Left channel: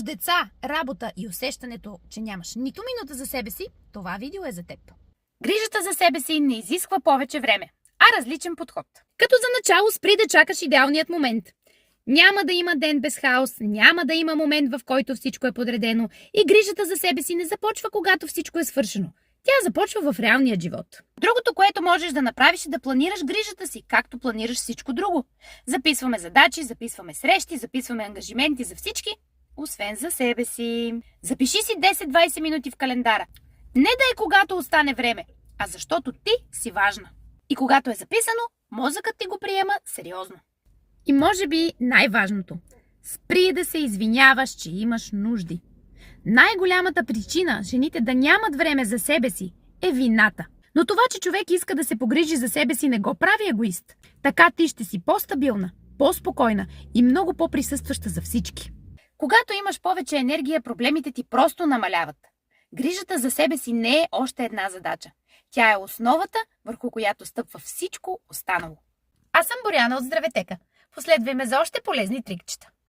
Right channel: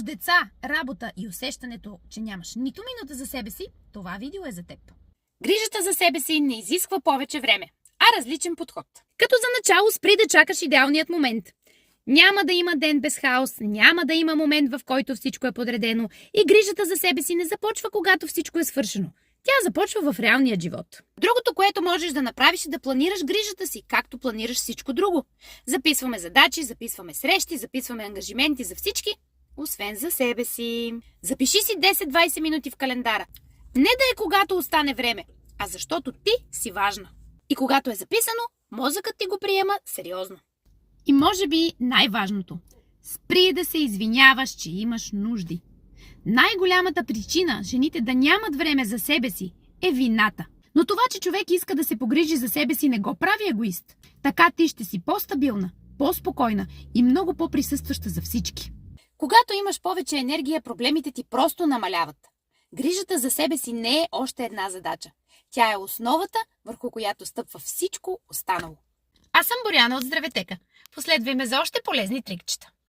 нямаш деца, работа и усещането, че нямаш нито минута за себе си, това видео е за теб. Грижата за себе си не изисква повече време, а различен подход. Като за начало спри да чакаш идеалният момент. Няма да има ден без хаос, няма да има момент, в който всичко е подредено и грижата за себе си не започва, когато всичко е свършено. Тя започва в реалния живот. Другото, което можеш да направиш, е да планираш грижата си, както планираш всичко друго. Записваме задачи, записваме срещи, записваме ангажименти за всички, освен за себе си. Запиши си 10-20 минути в календара. Не да е когато остане време, а защото ти си важна. И когато е записано, мозъкът ти го приема сериозно. И може би най-важното – спри да се извиняваш, че имаш нужди. Най-голямата причина жените да нямат време за себе си е вината. Но това, че човек иска да се погрижи за себе си, не го прави егоист. Така ти ще си по-стабилна, по-спокойна и много по-присъстваща за всички. Когато имаш повече енергия, проблемите ти просто намаляват. Грижата за себе си не е още една задача. Тя е основата, върху която стъпва всичко останало. Аз съм Боряна от Здраветека. Последвай ме за още полезни трикчета.